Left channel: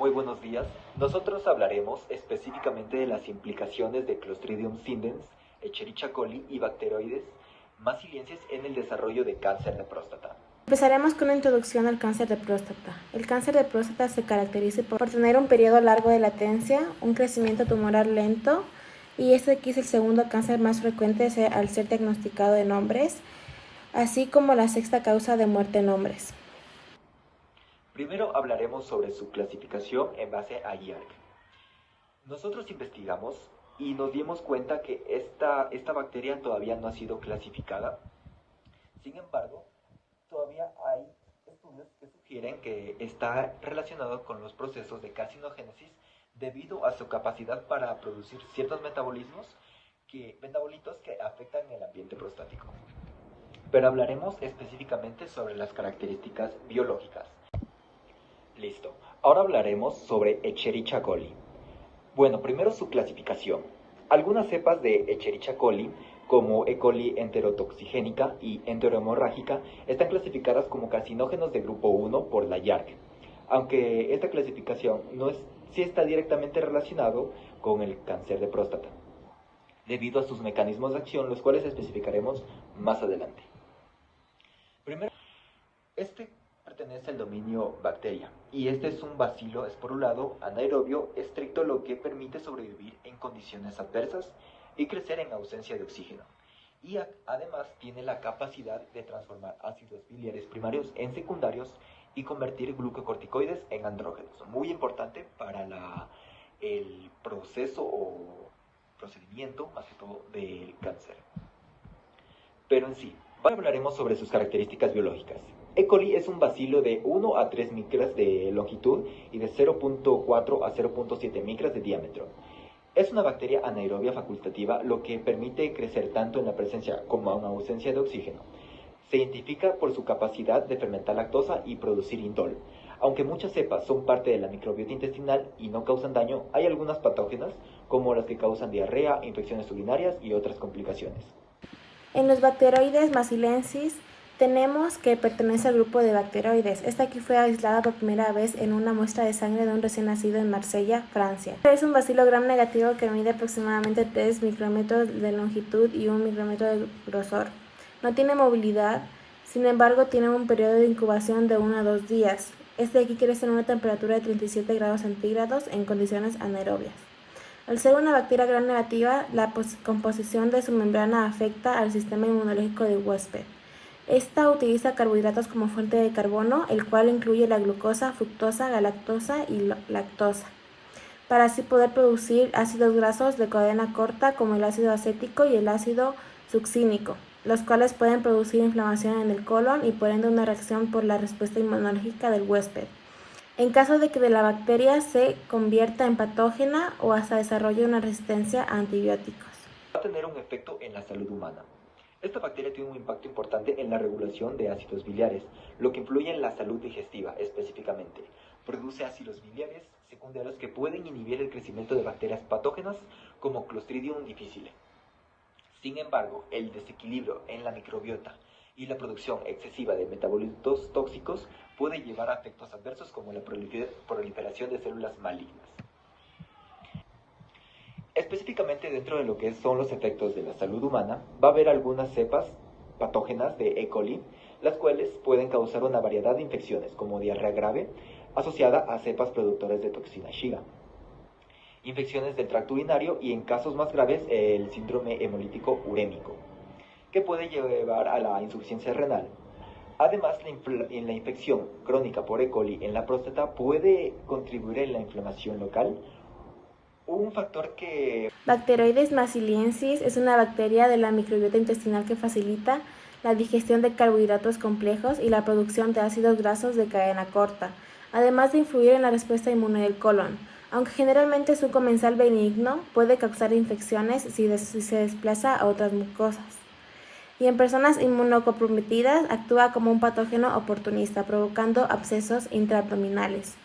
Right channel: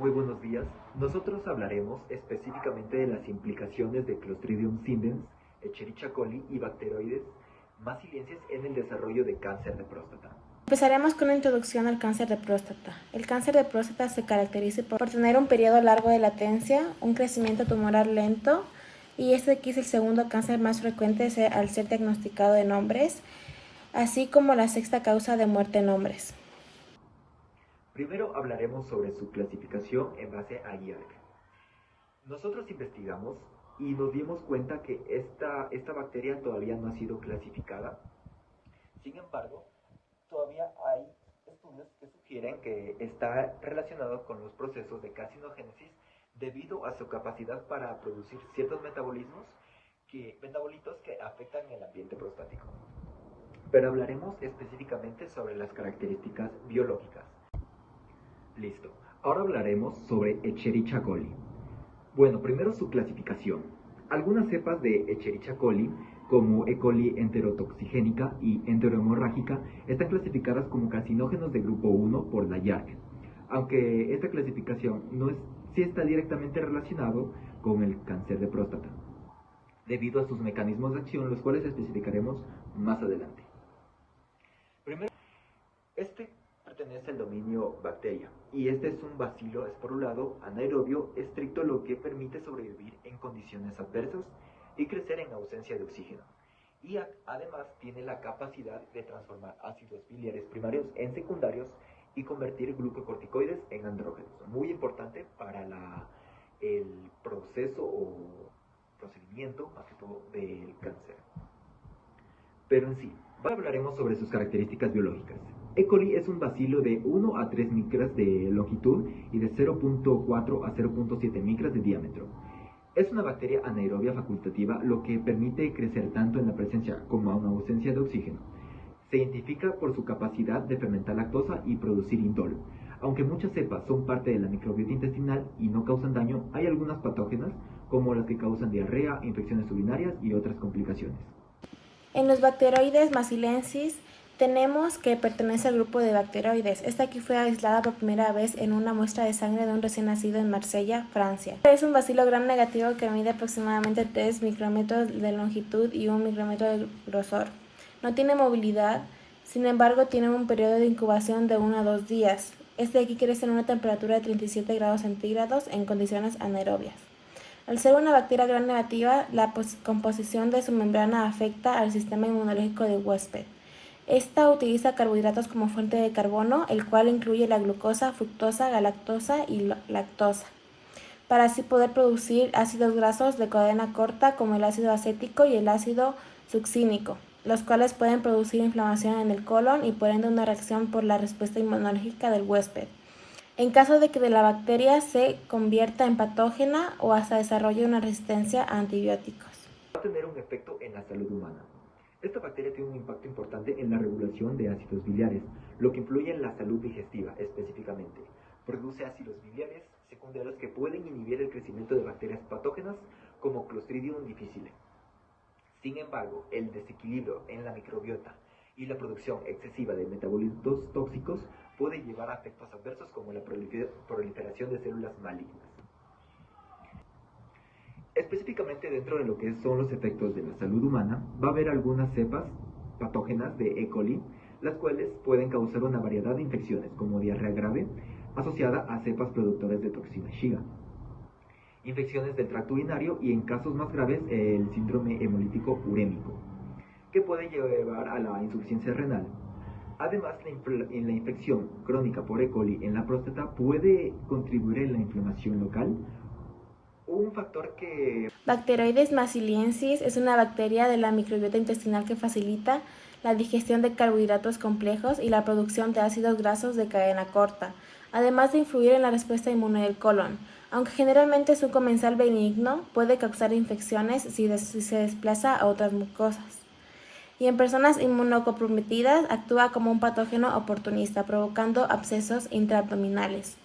Muy buenos días. Nosotros hablaremos específicamente de las implicaciones de Clostridium sindens, Escherichia coli y bacteroides macilienses en el desarrollo de cáncer de próstata. Empezaremos con una introducción al cáncer de próstata. El cáncer de próstata se caracteriza por tener un periodo largo de latencia, un crecimiento tumoral lento, y este aquí es el segundo cáncer más frecuente al ser diagnosticado en hombres, así como la sexta causa de muerte en hombres. Primero hablaremos sobre su clasificación en base a IARC. Nosotros investigamos y nos dimos cuenta que esta bacteria todavía no ha sido clasificada. Sin embargo, todavía hay estudios que sugieren que está relacionado con los procesos de carcinogénesis debido a su capacidad para producir ciertos metabolitos que afectan el ambiente prostático. Pero hablaremos específicamente sobre las características biológicas. Listo, ahora hablaremos sobre Escherichia coli. Bueno, primero su clasificación. Algunas cepas de Escherichia coli, como E. coli enterotoxigénica y enterohemorrágica, están clasificadas como carcinógenos de grupo 1 por la IARC, aunque esta clasificación sí está directamente relacionado con el cáncer de próstata, debido a sus mecanismos de acción, los cuales especificaremos más adelante. Primero, pertenece al dominio bacteria, y este es un bacilo esporulado anaerobio estricto, lo que permite sobrevivir en condiciones adversas y crecer en ausencia de oxígeno. Y además tiene la capacidad de transformar ácidos biliares primarios en secundarios y convertir glucocorticoides en andrógenos, muy importante para el proceso o procedimiento, más que todo, del cáncer. Pero en sí, hablaremos sobre sus características biológicas. E. coli es un bacilo de 1 a 3 micras de longitud y de 0.4 a 0.7 micras de diámetro. Es una bacteria anaerobia facultativa, lo que permite crecer tanto en la presencia como en ausencia de oxígeno. Se identifica por su capacidad de fermentar lactosa y producir indol. Aunque muchas cepas son parte de la microbiota intestinal y no causan daño, hay algunas patógenas, como las que causan diarrea, infecciones urinarias y otras complicaciones. En los bacteroides maciliensis tenemos que pertenece al grupo de bacteroides. Esta aquí fue aislada por primera vez en una muestra de sangre de un recién nacido en Marsella, Francia. Es un bacilo gram negativo que mide aproximadamente 3 micrómetros de longitud y 1 micrómetro de grosor. No tiene movilidad, sin embargo tiene un periodo de incubación de 1 a 2 días. Este aquí crece en una temperatura de 37 grados centígrados en condiciones anaerobias. Al ser una bacteria gram negativa, la composición de su membrana afecta al sistema inmunológico del huésped. Esta utiliza carbohidratos como fuente de carbono, el cual incluye la glucosa, fructosa, galactosa y lactosa, para así poder producir ácidos grasos de cadena corta como el ácido acético y el ácido succínico, los cuales pueden producir inflamación en el colon y por ende una reacción por la respuesta inmunológica del huésped, en caso de que la bacteria se convierta en patógena o hasta desarrolle una resistencia a antibióticos. Va a tener un efecto en la salud humana. Esta bacteria tiene un impacto importante en la regulación de ácidos biliares, lo que influye en la salud digestiva específicamente. Produce ácidos biliares secundarios que pueden inhibir el crecimiento de bacterias patógenas como Clostridium difficile. Sin embargo, el desequilibrio en la microbiota y la producción excesiva de metabolitos tóxicos puede llevar a efectos adversos como la proliferación de células malignas. Específicamente dentro de lo que son los efectos de la salud humana, va a haber algunas cepas patógenas de E. coli, las cuales pueden causar una variedad de infecciones, como diarrea grave, asociada a cepas productores de toxina Shiga, infecciones del tracto urinario y en casos más graves el síndrome hemolítico urémico, que puede llevar a la insuficiencia renal. Además, la infección crónica por E. coli en la próstata puede contribuir en la inflamación local. Un factor que... Bacteroides maciliensis es una bacteria de la microbiota intestinal que facilita la digestión de carbohidratos complejos y la producción de ácidos grasos de cadena corta, además de influir en la respuesta inmune del colon. Aunque generalmente es un comensal benigno, puede causar infecciones si se desplaza a otras mucosas. Y en personas inmunocomprometidas actúa como un patógeno oportunista, provocando abscesos intraabdominales.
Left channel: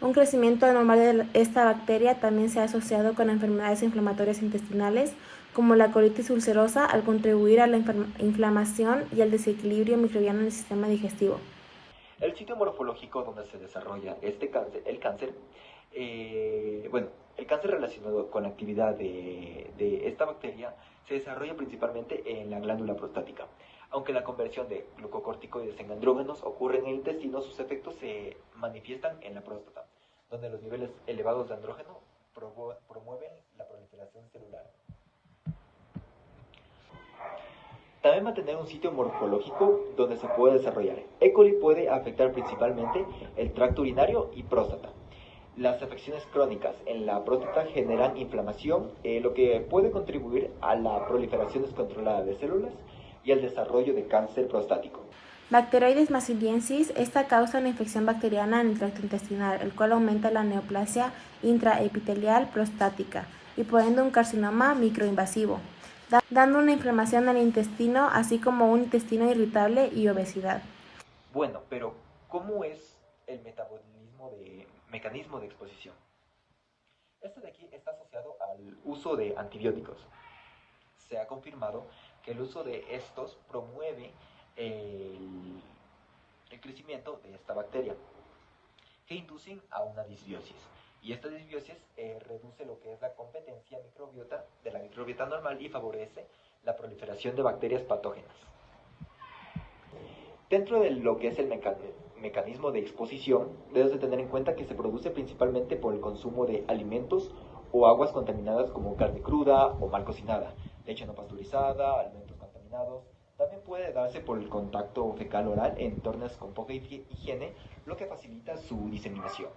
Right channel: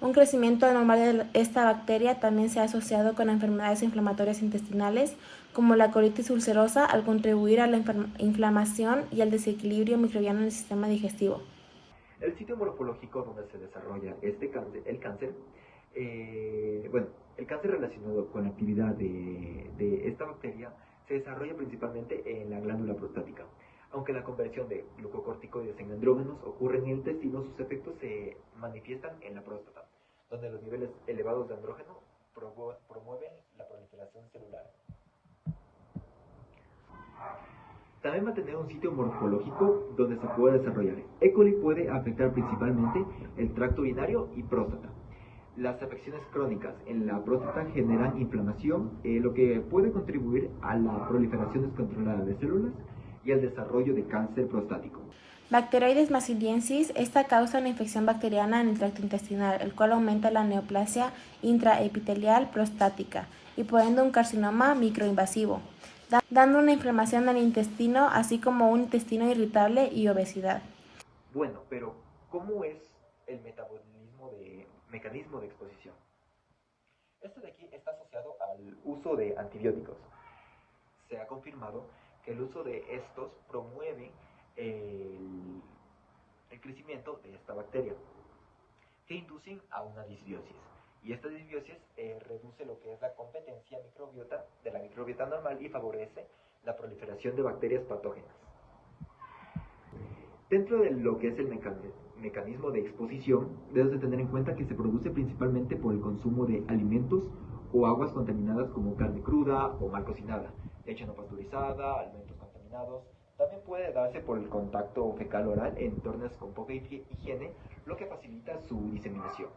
Un crecimiento anormal de esta bacteria también se ha asociado con enfermedades inflamatorias intestinales, como la colitis ulcerosa, al contribuir a la inflamación y al desequilibrio microbiano en el sistema digestivo. El sitio morfológico donde se desarrolla el cáncer Bueno, el cáncer relacionado con la actividad de esta bacteria se desarrolla principalmente en la glándula prostática. Aunque la conversión de glucocorticoides en andrógenos ocurre en el intestino, sus efectos se manifiestan en la próstata, donde los niveles elevados de andrógeno promueven la proliferación celular. También va a tener un sitio morfológico donde se puede desarrollar. E. coli puede afectar principalmente el tracto urinario y próstata. Las afecciones crónicas en la próstata generan inflamación, lo que puede contribuir a la proliferación descontrolada de células y al desarrollo de cáncer prostático. Bacteroides maziliensis, esta causa una infección bacteriana en el tracto intestinal, el cual aumenta la neoplasia intraepitelial prostática y por ende un carcinoma microinvasivo, dando una inflamación del intestino, así como un intestino irritable y obesidad. Bueno, pero ¿cómo es el mecanismo de exposición? Este de aquí está asociado al uso de antibióticos. Se ha confirmado que el uso de estos promueve el crecimiento de esta bacteria, que inducen a una disbiosis. Y esta disbiosis reduce lo que es la competencia de la microbiota normal y favorece la proliferación de bacterias patógenas. Dentro de lo que es el mecanismo de exposición, debes de tener en cuenta que se produce principalmente por el consumo de alimentos o aguas contaminadas como carne cruda o mal cocinada, leche no pasteurizada, alimentos contaminados. También puede darse por el contacto fecal oral en entornos con poca higiene, lo que facilita su diseminación.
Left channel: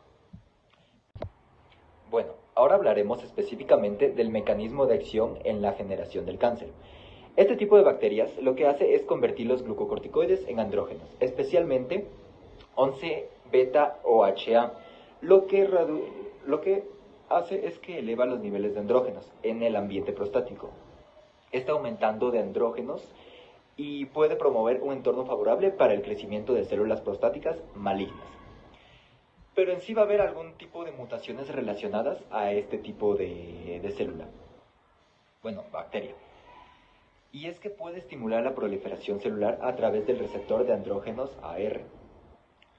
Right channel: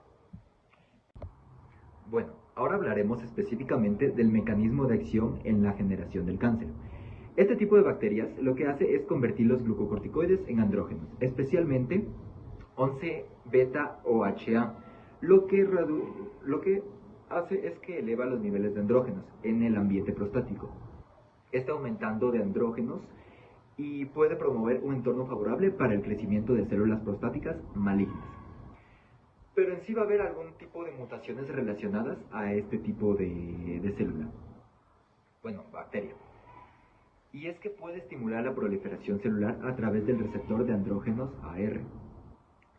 Bueno, ahora hablaremos específicamente del mecanismo de acción en la generación del cáncer. Este tipo de bacterias lo que hace es convertir los glucocorticoides en andrógenos, especialmente 11-beta-OHA, lo que hace es que eleva los niveles de andrógenos en el ambiente prostático. Está aumentando de andrógenos y puede promover un entorno favorable para el crecimiento de células prostáticas malignas. Pero en sí va a haber algún tipo de mutaciones relacionadas a este tipo de célula. Bueno, bacteria. Y es que puede estimular la proliferación celular a través del receptor de andrógenos AR.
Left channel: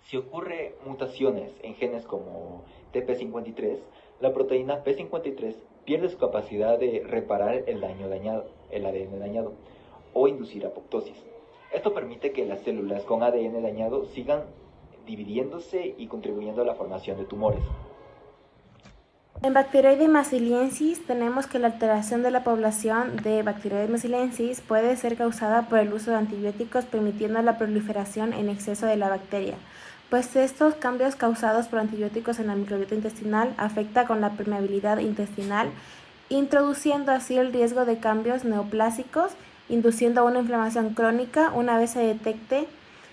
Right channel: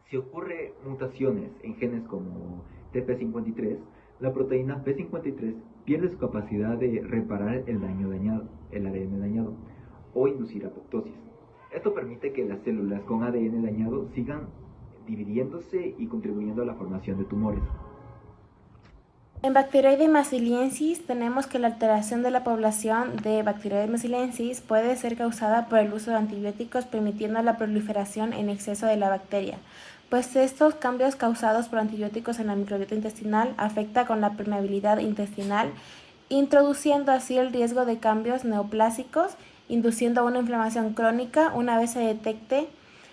Si ocurre mutaciones en genes como TP53, la proteína P53 pierde su capacidad de reparar el ADN dañado, o inducir apoptosis. Esto permite que las células con ADN dañado sigan dividiéndose y contribuyendo a la formación de tumores. En Bacteroides maziliensis tenemos que la alteración de la población de Bacteroides maziliensis puede ser causada por el uso de antibióticos, permitiendo la proliferación en exceso de la bacteria, pues estos cambios causados por antibióticos en la microbiota intestinal afecta con la permeabilidad intestinal, introduciendo así el riesgo de cambios neoplásicos, induciendo una inflamación crónica. Una vez se detecte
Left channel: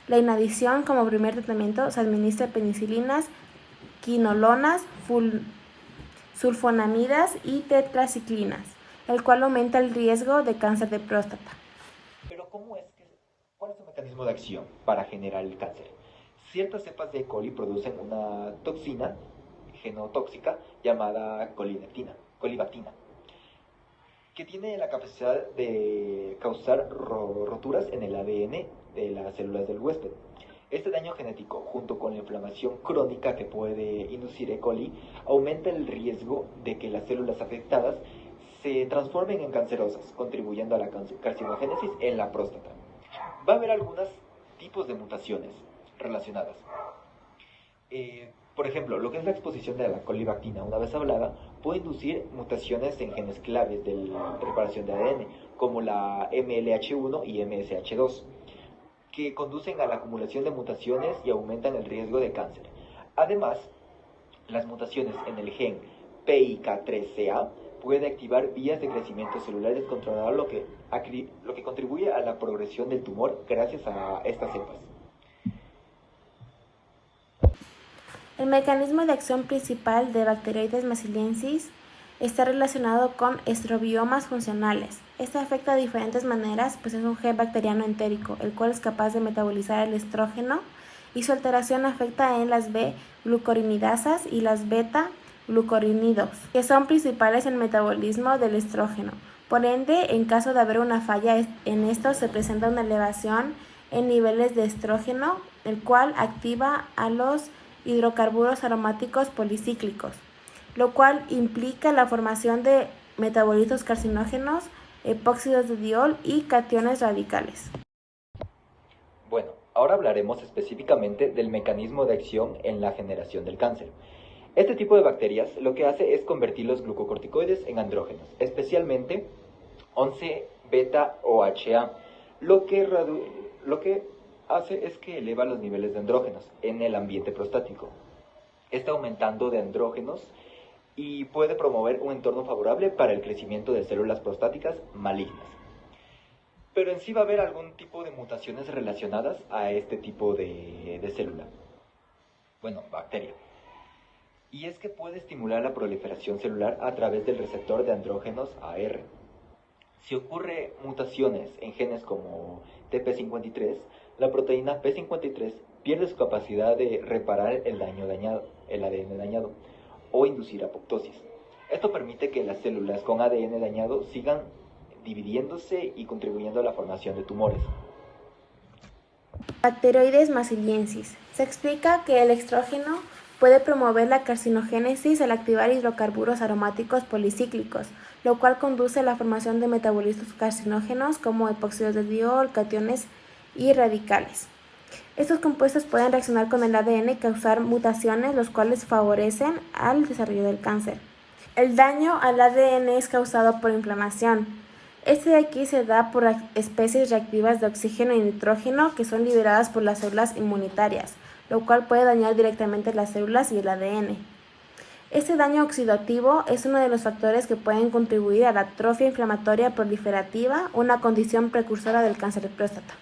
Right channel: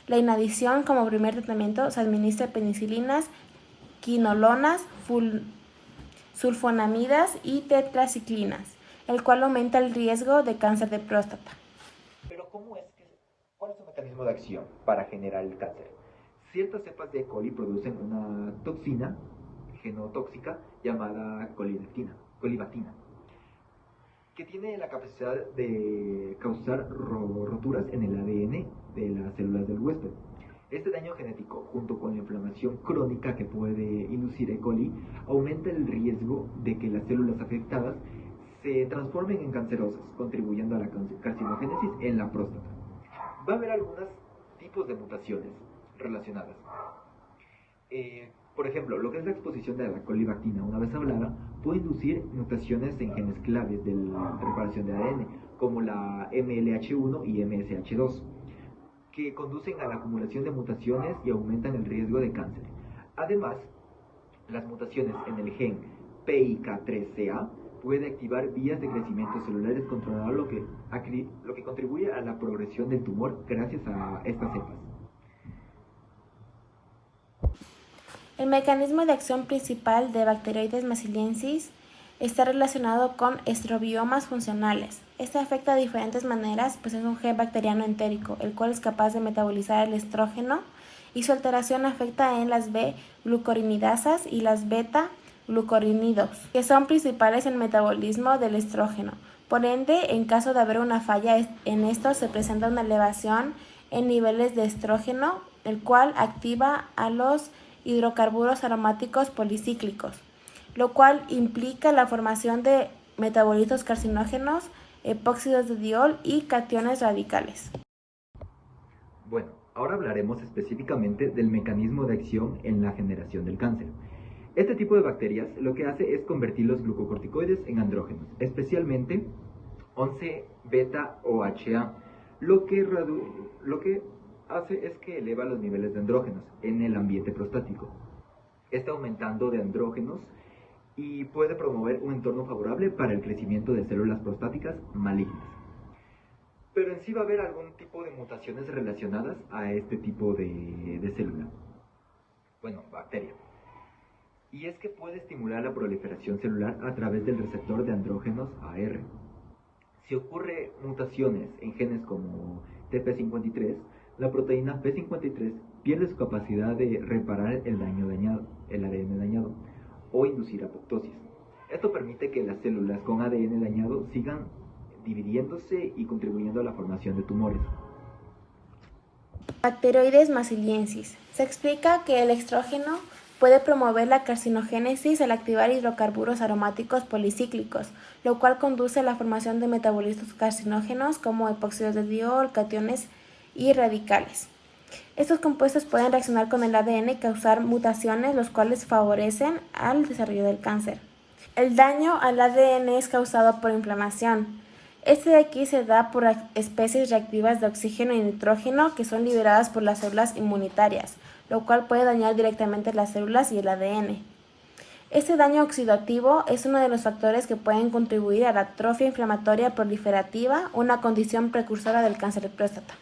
la inadición, como primer tratamiento se administra penicilinas, quinolonas, sulfonamidas y tetraciclinas, el cual aumenta el riesgo de cáncer de próstata. Pero ¿cuál es el mecanismo de acción para generar el cáncer? Ciertas cepas de E. coli producen una toxina genotóxica llamada colibactina, que tiene la capacidad de causar roturas en el ADN de las células del huésped. Este daño genético, junto con la inflamación crónica que puede inducir E. coli, aumenta el riesgo de que las células afectadas se transformen en cancerosas, contribuyendo a la carcinogénesis en la próstata. Va a haber algunos tipos de mutaciones relacionadas. Por ejemplo, lo que es la exposición de la colibactina, una vez hablada, puede inducir mutaciones en genes claves de la reparación de ADN, como la MLH1 y MSH2, que conducen a la acumulación de mutaciones y aumentan el riesgo de cáncer. Además, las mutaciones en el gen PIK3CA puede activar vías de crecimiento celular descontrolado, lo que contribuye a la progresión del tumor gracias a estas cepas. El mecanismo de acción principal de Bacteroides maziliensis está relacionado con estrobiomas funcionales. Este afecta de diferentes maneras, pues es un gen bacteriano entérico, el cual es capaz de metabolizar el estrógeno, y su alteración afecta en las B-glucuronidasas y las beta-glucuronidos, que son principales en el metabolismo del estrógeno. Por ende, en caso de haber una falla en esto, se presenta una elevación en niveles de estrógeno, el cual activa a los hidrocarburos aromáticos policíclicos. lo cual implica la formación de metabolitos carcinógenos, epóxidos de diol y cationes radicales. Bueno, ahora hablaremos específicamente del mecanismo de acción en la generación del cáncer. Este tipo de bacterias lo que hace es convertir los glucocorticoides en andrógenos, especialmente 11-beta-OHA, lo que hace es que eleva los niveles de andrógenos en el ambiente prostático. Está aumentando de andrógenos y puede promover un entorno favorable para el crecimiento de células prostáticas malignas. Pero en sí va a haber algún tipo de mutaciones relacionadas a este tipo de célula. Bueno, bacteria. Y es que puede estimular la proliferación celular a través del receptor de andrógenos AR. Si ocurre mutaciones en genes como TP53, la proteína P53 pierde su capacidad de reparar el ADN dañado, o inducir apoptosis. Esto permite que las células con ADN dañado sigan dividiéndose y contribuyendo a la formación de tumores. Bacteroides masiliensis. Se explica que el estrógeno puede promover la carcinogénesis al activar hidrocarburos aromáticos policíclicos, lo cual conduce a la formación de metabolitos carcinógenos como epóxidos de diol, cationes y radicales. Estos compuestos pueden reaccionar con el ADN y causar mutaciones, los cuales favorecen al desarrollo del cáncer. El daño al ADN es causado por inflamación. Este de aquí se da por especies reactivas de oxígeno y nitrógeno que son liberadas por las células inmunitarias, lo cual puede dañar directamente las células y el ADN. Este daño oxidativo es uno de los factores que pueden contribuir a la atrofia inflamatoria proliferativa, una condición precursora del cáncer de próstata.